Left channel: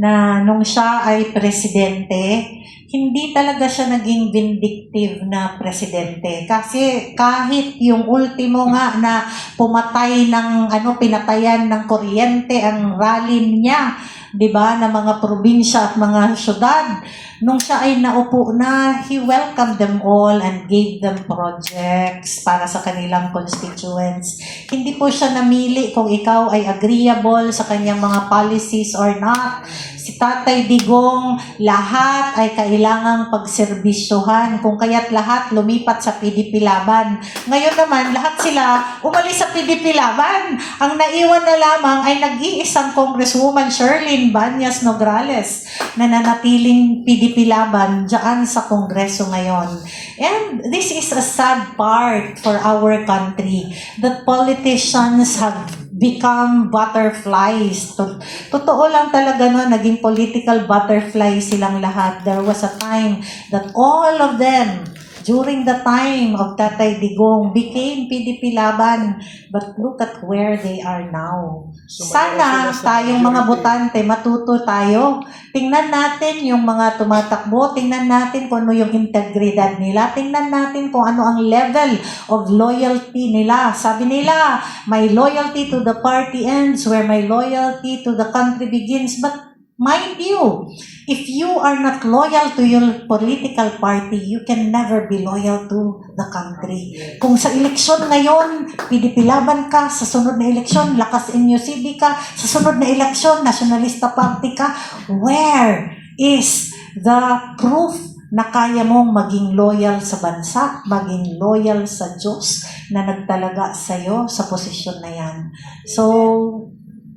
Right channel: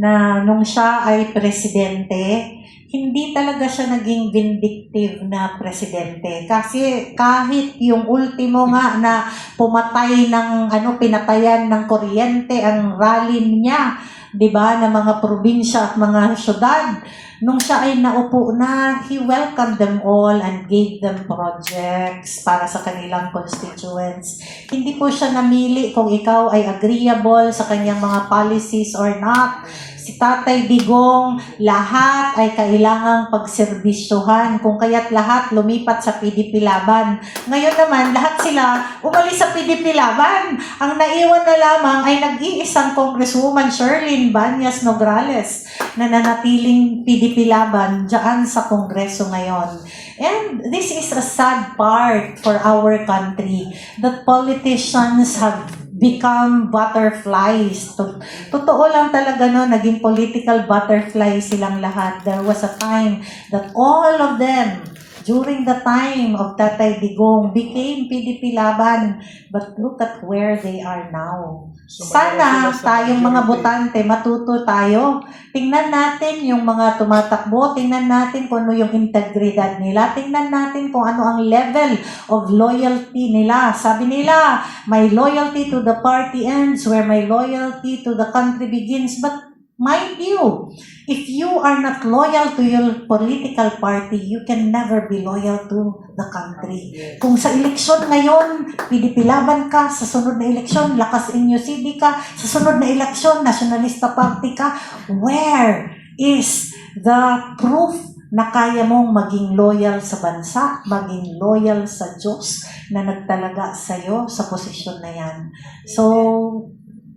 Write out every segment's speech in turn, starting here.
na nung siya ay presidente, hindi talaga siya naging vindictive na presidente. Kasi kahit yung ultimo nga na pumatay ng, pinatayan ng kuryente ang rally niya, di ba, ng mga probinsya at mga syudad, nung siya ay naupo na, he welcomed them all and gave them projects para sa kanilang constituents. Hindi po siya namili kung ikaw ay agreeable sa kanyang mga policies or not. Si Tatay Digong, lahat ay kailangang pagserbisyohan. Kung kaya't lahat lumipat sa PDP Laban. Ngayon naman, lahat sila umalis sa PDP Laban. Ang naiwan na lamang ay nag-iisang Congresswoman Sherlyn Banyas Nograles na nanatiling PDP Laban dyan sa Kongreso ngayon. And this is a sad part for our country that politicians have become butterflies. Totoo lang talaga no, naging political butterflies silang lahat. There was a time that all of them, during the time of Tatay Digong, became PDP Laban. But look at where they are now. Sana tayong mga botante, matuto tayo. Tingnan natin yung mga tumatakbo, tingnan natin kung ano yung integridad nila, tingnan natin kung ano ang level of loyalty nila. Sabi nila, my loyalty to the party ends where my loyalty to the country begins. But mind you, if you are not loyal to your political party, you can never be loyal to the country. Kung sa eleksyon ngayon, PDP Laban ka, sa sunod na eleksyon, Lakas NUCD ka, sa sunod na eleksyon, Nationalista Party ka, where is the proof na kaya mong maging loyal sa bansa, maging loyal sa Diyos na nagtalaga sa'yo sa posisyon na yan? So,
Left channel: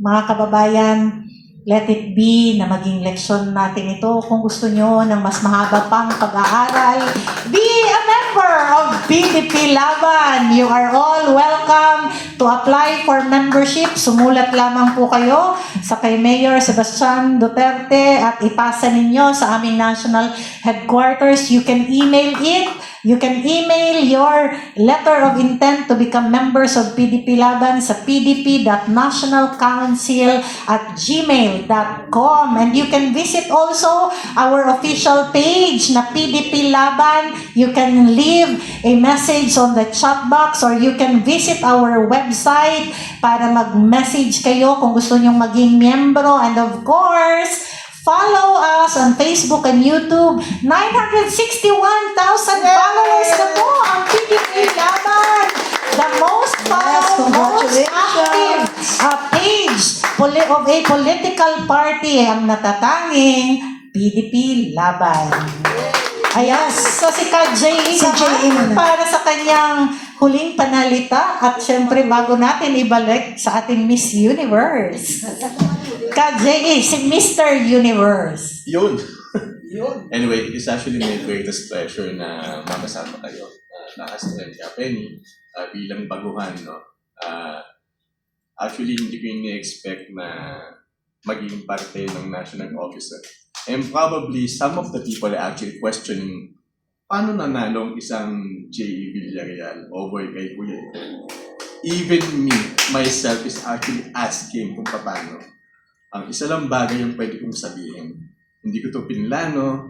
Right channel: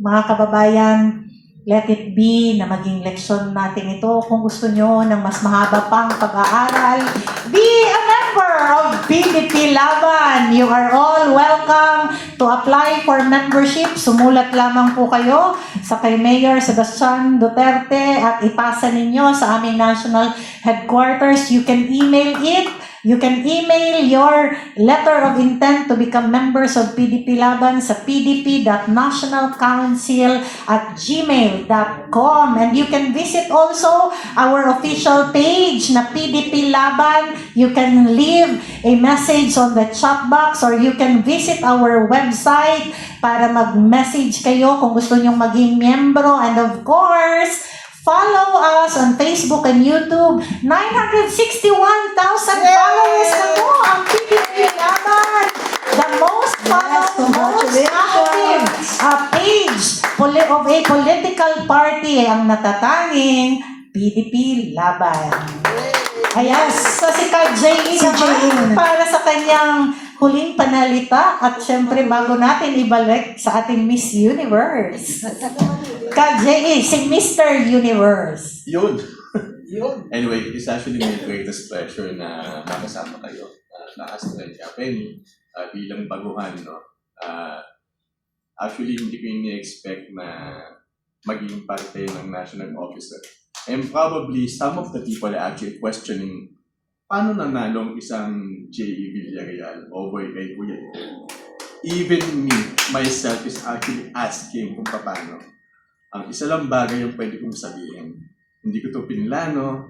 mga kababayan, let it be na maging leksyon natin ito. Kung gusto nyo ng mas mahaba pang pag-aaral, be a member of PDP Laban. You are all welcome to apply for membership. Sumulat lamang po kayo sa kay Mayor Sebastian Duterte at ipasa ninyo sa aming national headquarters. You can email it. You can email your letter of intent to become members of PDP Laban sa pdp.nationalcouncil@gmail.com. And you can visit also our official page na PDP Laban. You can leave a message on the chat box or you can visit our website para mag-message kayo kung gusto nyong maging miyembro. And of course, follow us on Facebook and YouTube. 961,000 followers na po ang PDP Laban. The most followed, most active page of a political party ang natatanging PDP Laban. Ayan, so si Ka-J.E. para sa kanyang huling panalita at syempre bago natin ibalik sa ating Miss Universe. Ka-J.E. si Mr. Universe. Yun. Anyway, it is actually my greatest pleasure na makasama kayo. Nakastrand ka, Penny, bilang baguhan. No? Actually, hindi ko ini-expect na maging parte ng national officer. And probably some of the people are actually questioning paano nanalo ang isang J.E. Villarreal over kay Kuya. Even me, myself, is actually asking kung paano. Ang isa lang bagay yung pwede kong sabihin. Hindi ko ito pinlano.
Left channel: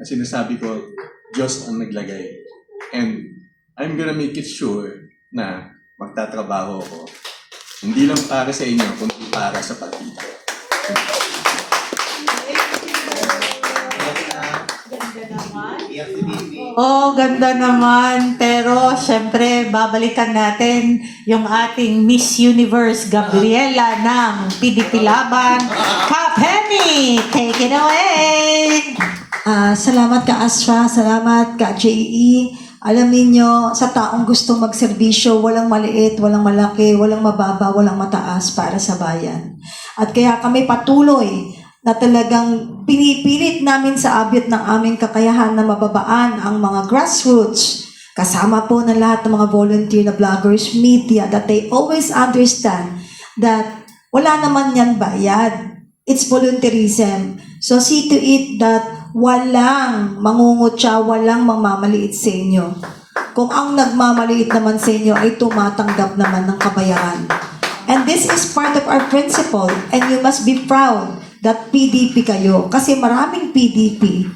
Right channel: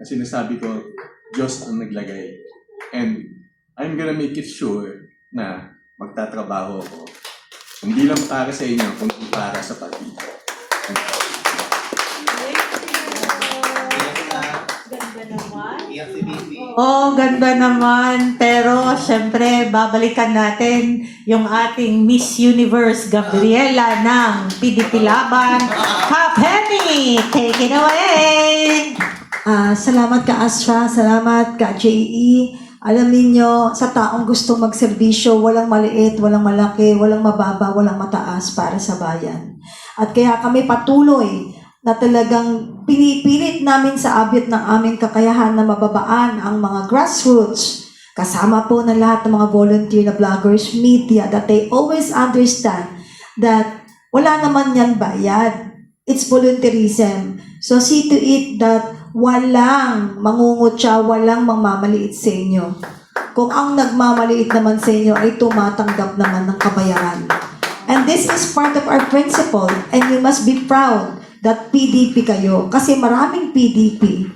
Sinasabi ko, Diyos ang naglagay. And I'm gonna make it sure na magtatrabaho ako. Hindi lang para sa inyo, kundi para sa partido. Ganda naman. Pero, syempre, babalikan natin yung ating Miss Universe Gabriela ng PDP Laban. Ka Penny, take it away! Salamat ka Astra, salamat ka J.E. Alam niyo, sa taong gusto magserbisyo, walang maliit, walang malaki, walang mababa, walang mataas para sa bayan. At kaya kami patuloy na talagang pinipilit namin sa abot ng aming kakayahan na mababaan ang mga grassroots. Kasama po ng lahat ng mga volunteer na vloggers, media, that they always understand that wala naman yan bayad. It's volunteerism. So see to it that walang mangungutya, walang mamamaliit sa inyo. Kung ang nagmamaliit naman sa inyo ay tumatanggap naman ng kabayaran. And this is part of our principle and you must be proud that PDP kayo. Kasi maraming PDP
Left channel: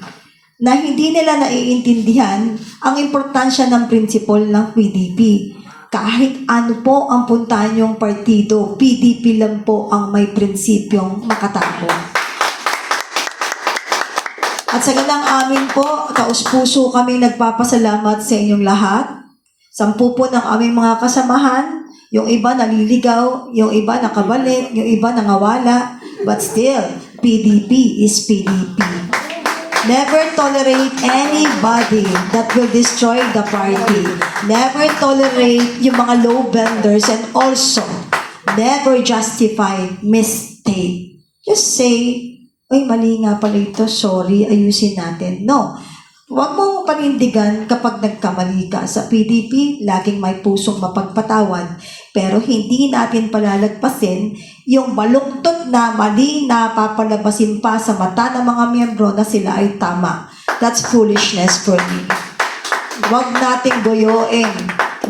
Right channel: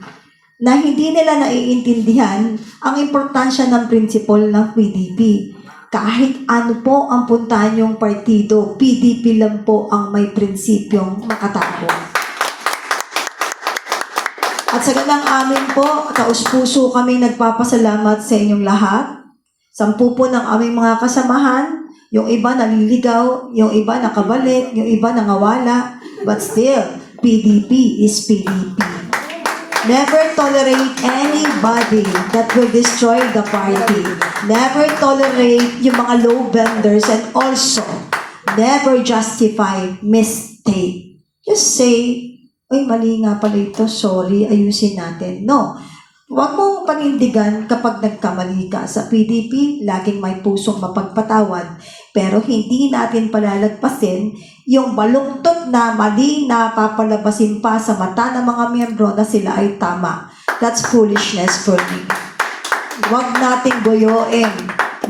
na hindi nila naiintindihan ang importansya ng principle ng PDP. Kahit ano po ang puntahan yung partido, PDP lang po ang may prinsipyong makatakbo. At sa ganang amin po, taus-puso kami nagpapasalamat sa inyong lahat. 10 po ng aming mga kasamahan, yung iba naliligaw, yung iba nakabalik, yung iba nangawala, but still, PDP is PDP. Never tolerate anybody that will destroy the party. Never tolerate yung mga low vendors and also never justify mistake. Just say, ay, mali nga pala ito, sorry, ayusin natin. No. Huwag mong panindigan kapag nagkamali ka. Sa PDP, laging may pusong mapagpatawad. Pero hindi natin palalagpasin yung baluktot na mali na papalabasin pa sa mata ng mga miyembro na sila ay tama. That's foolishness for me. Huwag nating goyoin.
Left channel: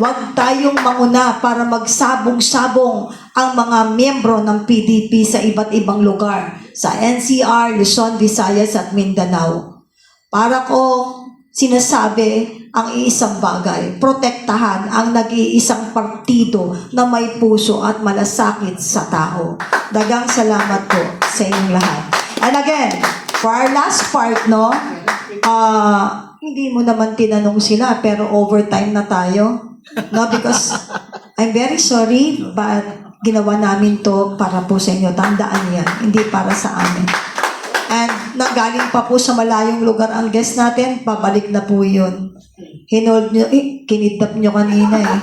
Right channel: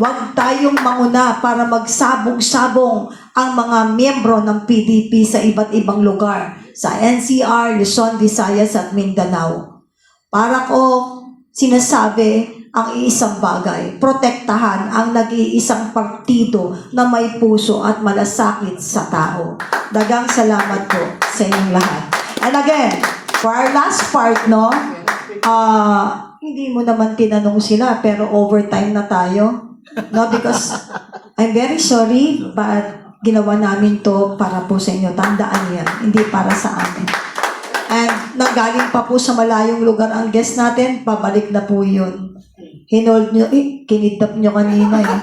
Huwag tayong mauna para magsabong-sabong ang mga miyembro ng PDP sa iba't ibang lugar. Sa NCR, Luzon, Visayas at Mindanao. Para ko sinasabi ang iisang bagay, protektahan ang nag-iisang partido na may puso at malasakit sa tao. Dagang salamat po sa inyong lahat. And again, for our last part, no, hindi mo naman tinanong sila pero overtime na tayo. No, because I'm very sorry, but ginawa namin to para po sa inyo. Tandaan yan, hindi para sa amin. And nagaling pa po sa malayong lugar ang guest natin, pabalik na po yun. Hinold nyo, kinidnap nyo kanina eh.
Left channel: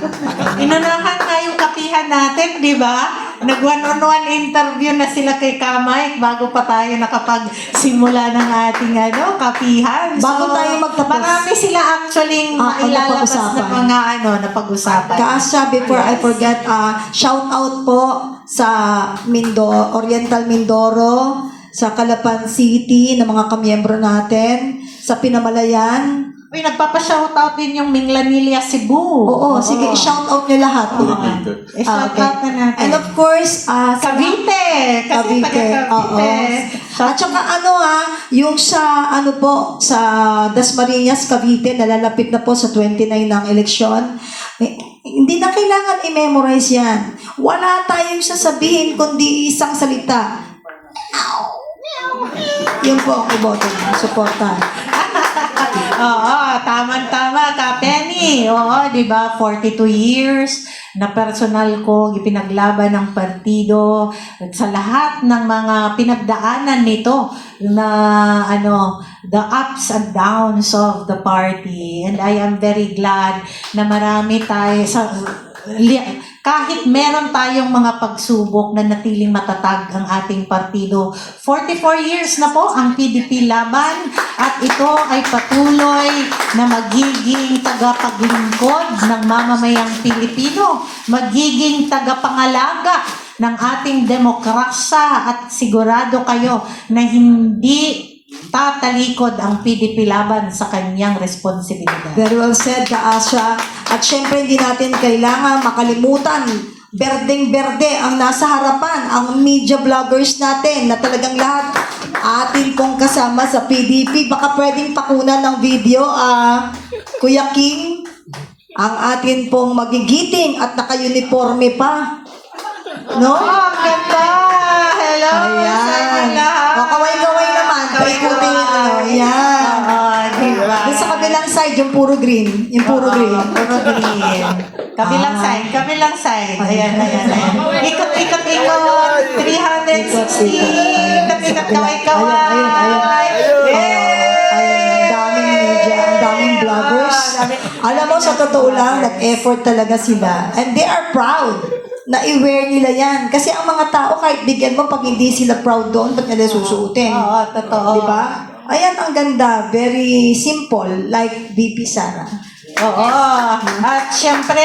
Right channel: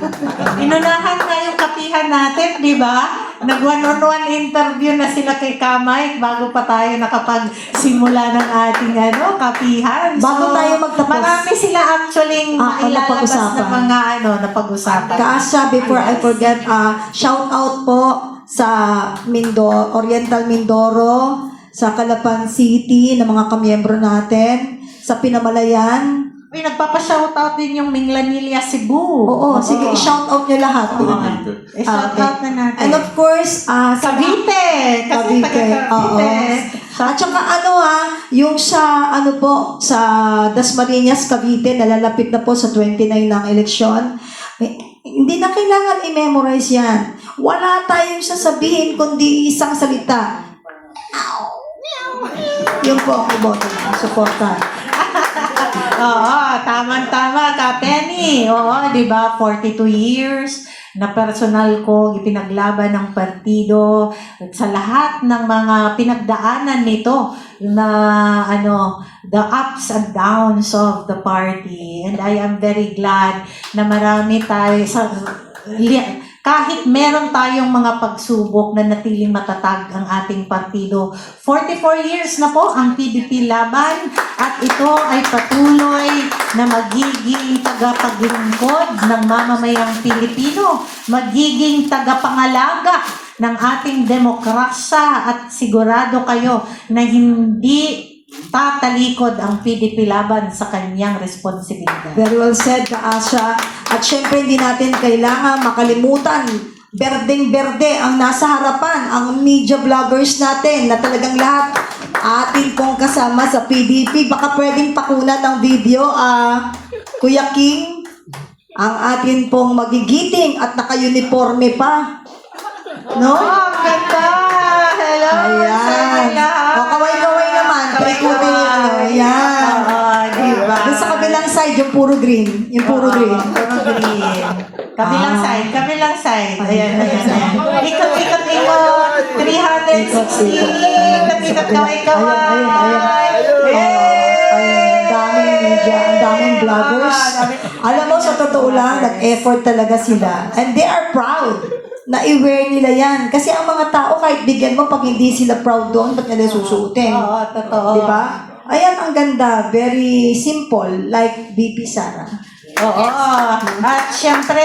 Inunahan nga yung kapihan natin, di ba? Nag-one-on-one interview na sila kay Kamay bago pa tayo nakapagsimula ng ating kapihan. Bago tayo magtapos. Marami sila actually mailalabas na mga napag-usapan. Kaasya, before I forget, shout out po sa Oriental Mindoro, sa Calapan City, ng mga kamiyembro natin, sa Pinamalayan. Uy, nagpapa-shoutout din yung Minglanilla, Cebu. Oo, sige, i-shoutout nyo lahat. I-shoutout na natin. And of course, Cavite. Kasi taga-Cavite. At saka yung sa sa Dasmariñas, Cavite, nalalapit na po sa 29 ng eleksyon. Hindi na kailangan i-memorize yan. Wala tayong sasabihin kundi isang salita. Yun po ang iboto na. Supportan. Oo, tama-tama ka, Penny. Oo, di ba? 42 years na personal ko ipinaglaban ng partido sa lahat ng mga pinagdaanan nito na the ups and downs of the party. And I am very glad na marami tayo kahit meron tayong mga pagsubok na natiling matatag ang ating partido. 44 years na po ang PDP laban at ito ay patuloy na magiging tagapaglingkod ng mamamayang Pilipino, magiging tagapangalaga ng ating demokrasya at sigurado kayo na hindi tatalikod ang PDP laban sa kanyang responsibilidad. Very well said, Kaasya. At syempre, hindi natin kailangan makalimutan, berdeng-berde ang nasa harapan, ang media vloggers natin na talagang lahat atin pong kasama sa PDP. Baka pwedeng pakunan ng video, Kuya King, ang atin pong magigiting at naka-uniforme pa. No? Oh, ganda! Hello! Ayan. Kaway-kaway naman. Paikutin yung Ayan. Diba? Doon sa kabilang side, yung puro green. Yung puro green. Puro green. Kabilang side, kabilang side. Ayan. Ikot. 360. Ikot, kaway-kaway. Daming media, daming vloggers. Alam mo, sa totoo lang, nag-effort talaga sila. And they are proud na i-wear nila yan. Kasi ang mga tao, kahit bigyan mo, pag hindi sila proud doon, ba't nila susuotin? Oo, totoo. Diba? Ayan, ang ganda. Very simple, like BP Sara. Oo. At syempre,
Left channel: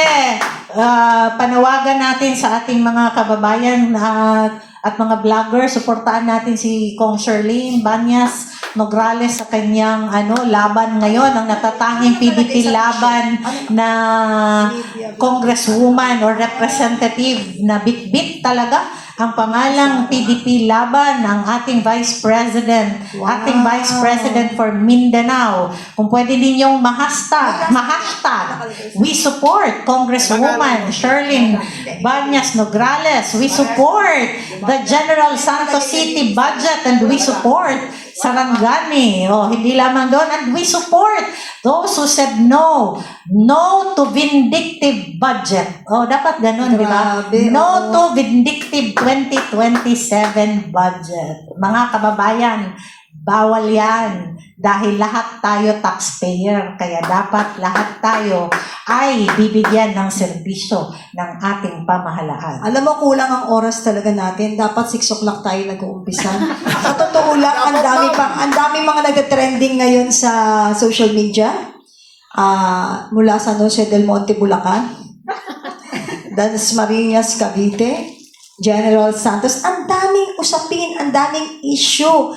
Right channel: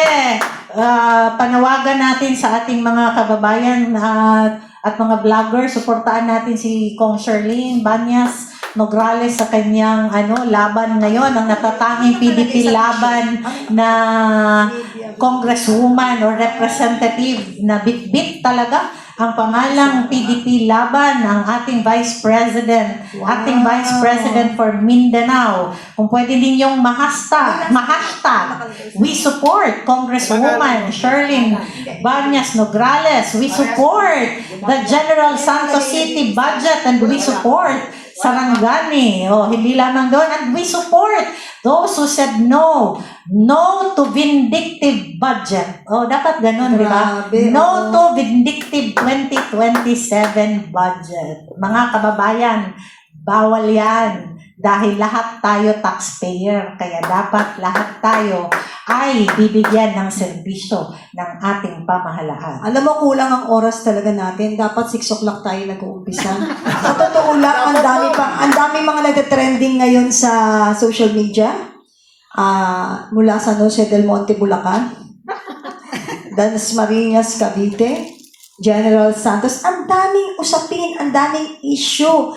panawagan natin sa ating mga kababayan at mga vlogger, suportaan natin si Kong Sherlyn Banyas Nograles sa kanyang laban ngayon, ang natatanging PDP laban na congresswoman or representative na bit-bit talaga ang pangalang PDP laban ng ating Vice President, ating Vice President for Mindanao. Kung pwede ninyong mahashtag, we support Congresswoman Sherlyn Banyas Nograles. We support the General Santos City budget and we support Sarangani. Hindi lamang doon. And we support those who said no to vindictive budget. Dapat ganun, di ba? Grabe, No to vindictive 2027 budget. Mga kababayan, bawal yan. Dahil lahat tayo taxpayer. Kaya dapat lahat tayo ay bibigyan ng serbisyo ng ating pamahalaan. Alam mo, kulang ang oras talaga natin. Dapat 6 o'clock tayo nag-uumpisa. Sa totoo lang, ang dami mga nag-trending ngayon sa social media. Mula sa Jose del Monte, Bulacan. Danas Marinas, Cavite. General Santos. Ang daming usapin, ang daming issue.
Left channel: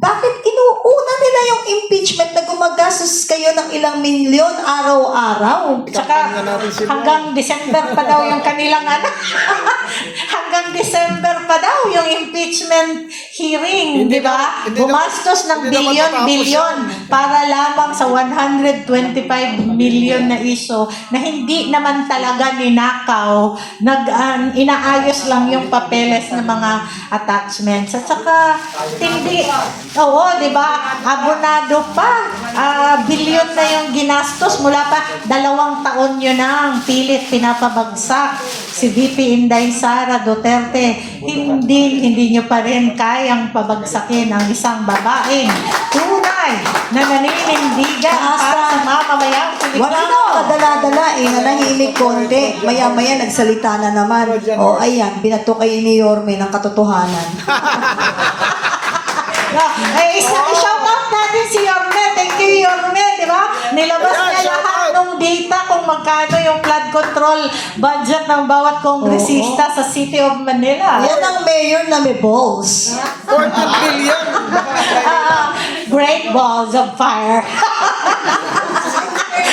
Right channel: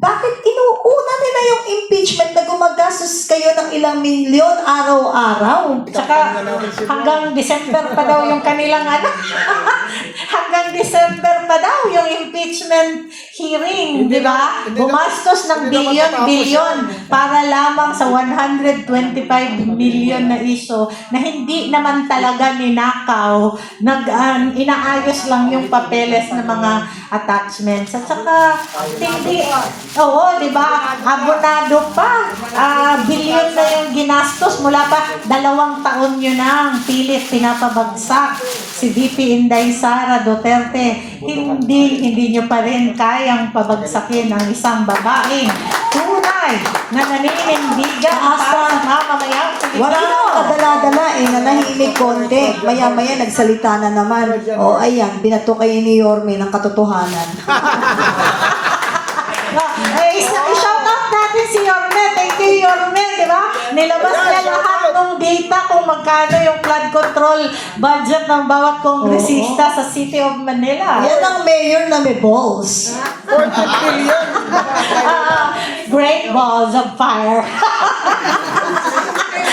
Bakit inuuna nila yung impeachment na gumagastos kayo ng ilang milyon araw-araw? Tsaka hanggang December pa daw yung kanilang hanggang December pa daw yung impeachment hearing, di ba? Gumastos ng bilyon-bilyon para lamang sa 125 million na issue na hindi naman talaga ninakaw, inaayos lang yung papeles ng mga attachments. At saka, hindi, di ba? Abonado pa. Bilyon na yung ginastos mula pa 2 taon yun ang pilit pinapabagsak si VP Inday Sara Duterte. Hindi nyo pa rin kayang pabagsakin ang isang babaeng tunay na naninindigan para sa mamamayang Pilipino. Wala na kadala-dala nanahimik konti. Maya-maya nagsalita na naman. Ayan, binato kayo ni Yorme ng katotohanan. I-shout out natin si Yorme. Thank you, Yorme, di ba? Nilabas niya lahat ng data kung magkano yung flood control budget ng bawat kongresista sa City of Manila. Yan ang mayor na may balls. 14 billion. Great balls of fire.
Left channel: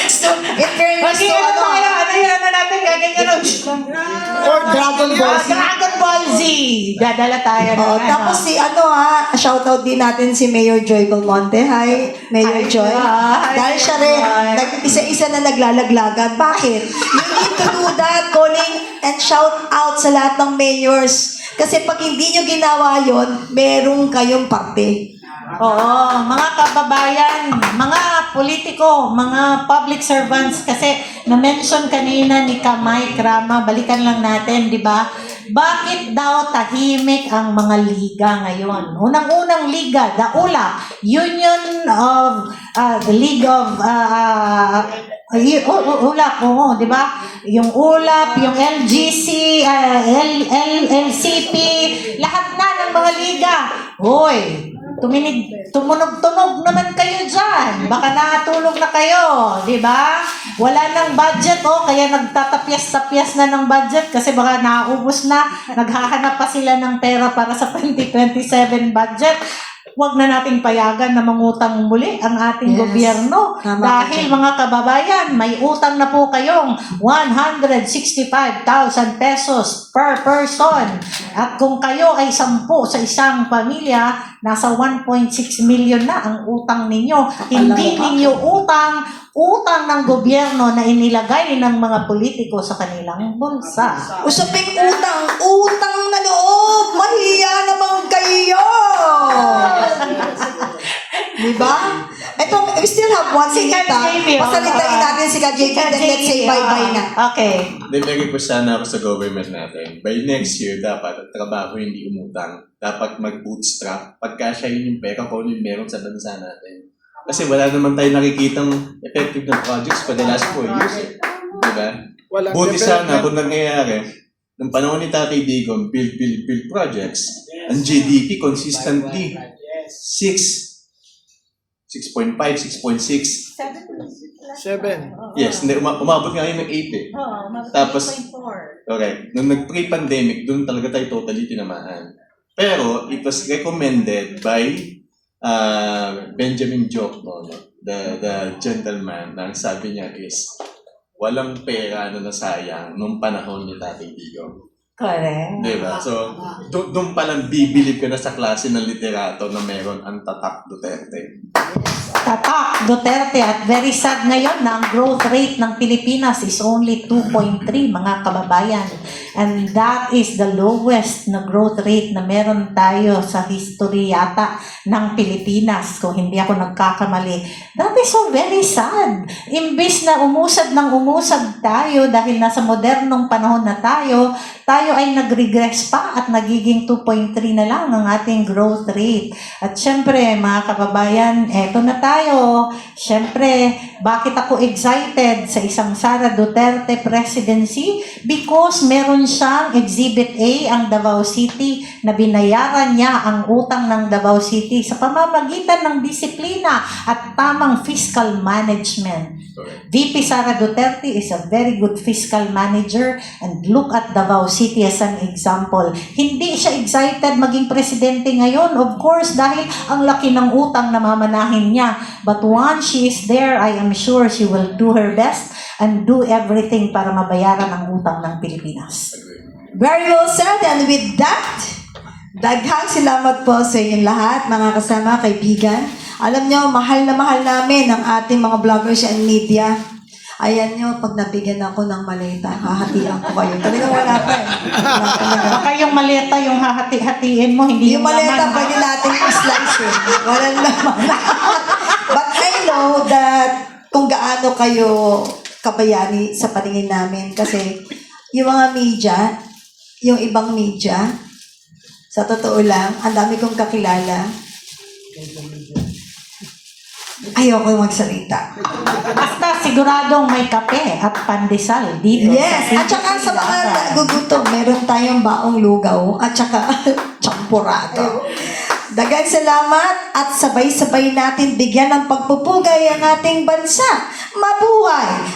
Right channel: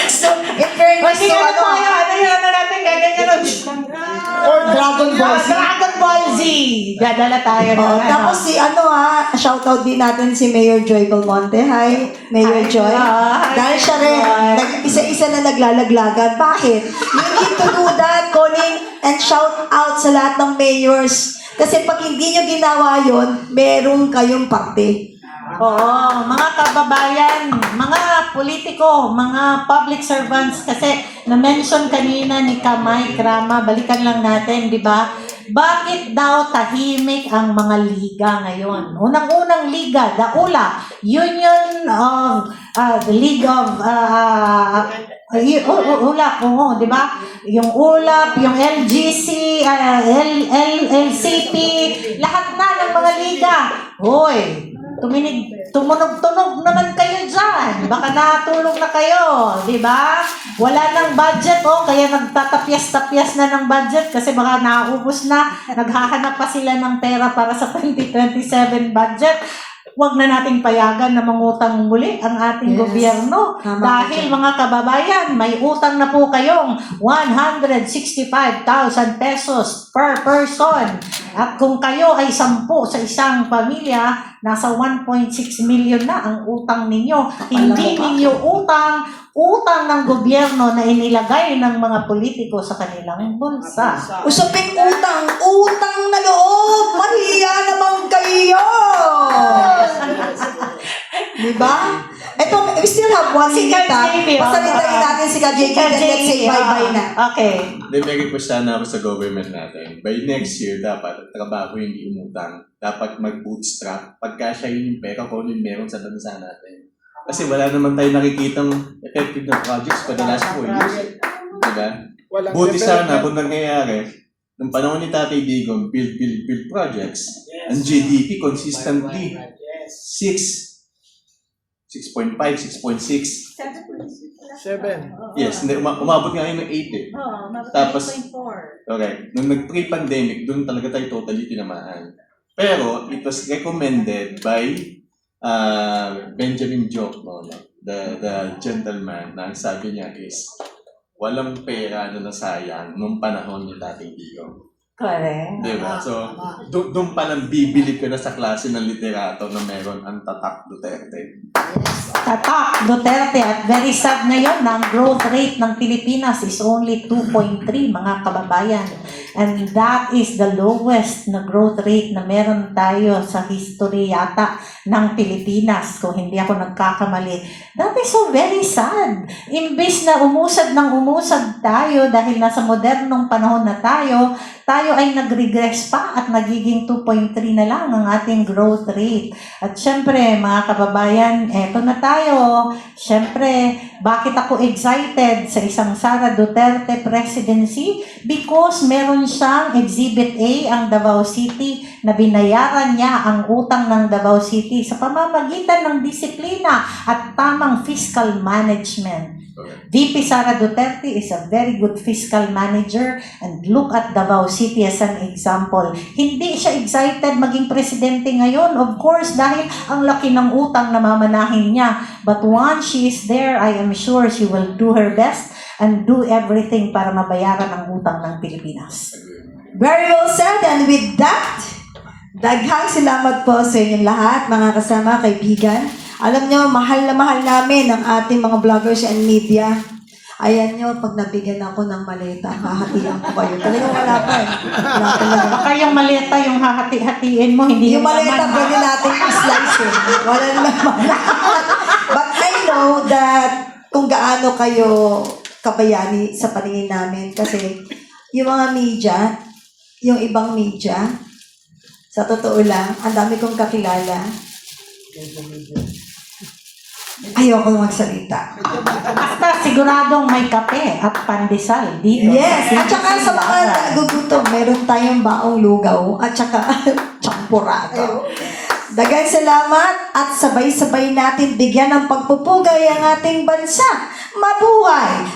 So, in fairness Kasi to ano natin ganyan. Or Dragon Ball Z. Dragon Ball Z. Dadala tayo ng tapos shoutout din natin si Mayor Joy Belmonte. Hi, Mayor Joy. Hi, Dahil siya rin, isa-isa na naglalaglagan. Bakit? You need to do that, calling and shout out sa lahat ng mayors. Kasi pag hindi nyo ginawa yon, meron kayong parte. Mga kababayan, mga politiko, mga public servants, kasi na-mention kanina ni Kamay Krama, balikan lang natin, di ba? Bakit daw tahimik ang mga liga ngayon? Unang-unang liga, the ULAP, Union of the League of ULAP, di ba? Yung ULAP, yung LGC, LCP, lahat na ng mga liga. Hoy, tumunog-tunog naman kayo dyan. Baka natulog na kayo, di ba? Wala nang budget, kaya nagtatapyas-tapyas na ng budget kasi baka naubos na. Naghahanap pa sila ng pera para sa 2027 budget. Huwag na nating payagan na mangutang muli ang ating gobyerno. Tama Dahil mga kababayan, may utang na po kayong 165,000 pesos per person. At kung kayo ay 10 sa isang pamilya, nasa 1.6 million na ang utang ninyo. Hindi ninyo utang ng gobyerno na inilagay ng mga politiko sa kanilang bulsa. Usaping utang na loob. Mahiya naman kayo. Diba? We still have 1 minute. Pasalitain natin si KJP and let's say bye-bye na. Okay. Nilagay ko sana ako sa government natin. By next year, dapat ang trabaho hindi umutang. Dapat mag-bootstrap. Pagkasyahin yung pera ko, yung meron sa bansa natin. Kasi wala naman tayo nakikitang effective na projects for the last 4 years. Diba? Buti sana kung nangyayari, nung panahon ni Tatay Digong, build projects, ang GDP consistently 6.5, 6.6. 7. Yes, umabot nga yun ng 8 Tapos, okay, nung nag-pre-pandemic, doon talaga tayo totally tinamaan. Pero, it was recommended by Benjamin joke mo, no? The gentleman, ang sabi niya is, walang pera na nasayang nung panahon ni Dating Digong. Correct. Diba? So, doon pa lang bibili ka na sa klase ng literato na meron ang Tatak Duterte. Tatak Duterte, at very sad ngayon na ang growth rate ng Pilipinas is only 2.3, mga kababayan. And that is the lowest na growth rate na meron tayo sa history yata ng Pilipinas, kung hindi ako nagkakamali. That is so very sad. Imbis na umusad tayo dahil nasa modernong panahon na tayo ay nag-regress pa at nagiging 2.3 na lang ang ating growth rate. At syempre, mga kababayan, eto na tayo. Syempre, bakit ako excited sa isang Sara Duterte presidency? Because meron siyang Exhibit A, ang Davao City, na binayaran niya ang utang ng Davao City sa pamamagitan ng disiplina at tamang fiscal management. Correct. VP Sara Duterte is a very good fiscal manager, and look at Davao City as an example. Hindi siya excited maging presidente ngayon, of course, dahil ang laki ng utang na mamanahin niya. But once she is there, I am sure she will do her best and do everything para mabayaran ang utang ng Pilipinas. Very well said. And with that, daghang salamat po sa inyong lahat, mga kasama, kaibigan. Alam nyo, mahal na mahal namin ang ating mga vloggers and media. Ayan nyo, pag nabigyan ako ng maleta, hahatian ko kayo. Talaga wala pa eh. Wala talaga. Baka yung maleta, yung hahati-hatiin mo, hindi Yung maleta, pwede natin i-slice eh. Wala naman. But I know that kung gaano kayo kabayani sa paningin namin. Kasi yung mga media, yung ibang media, sa totoo lang, ang dami kong kakilala. Ayoko magsalita. Basta siguradong may kape at pandesal dito. Yes, at saka sa mga nagugutom, meron tayong baong lugaw at saka champurado. Daghang salamat at sabay-sabay natin bigyan ng pagpupugay ang ating bansa. Mabuhay!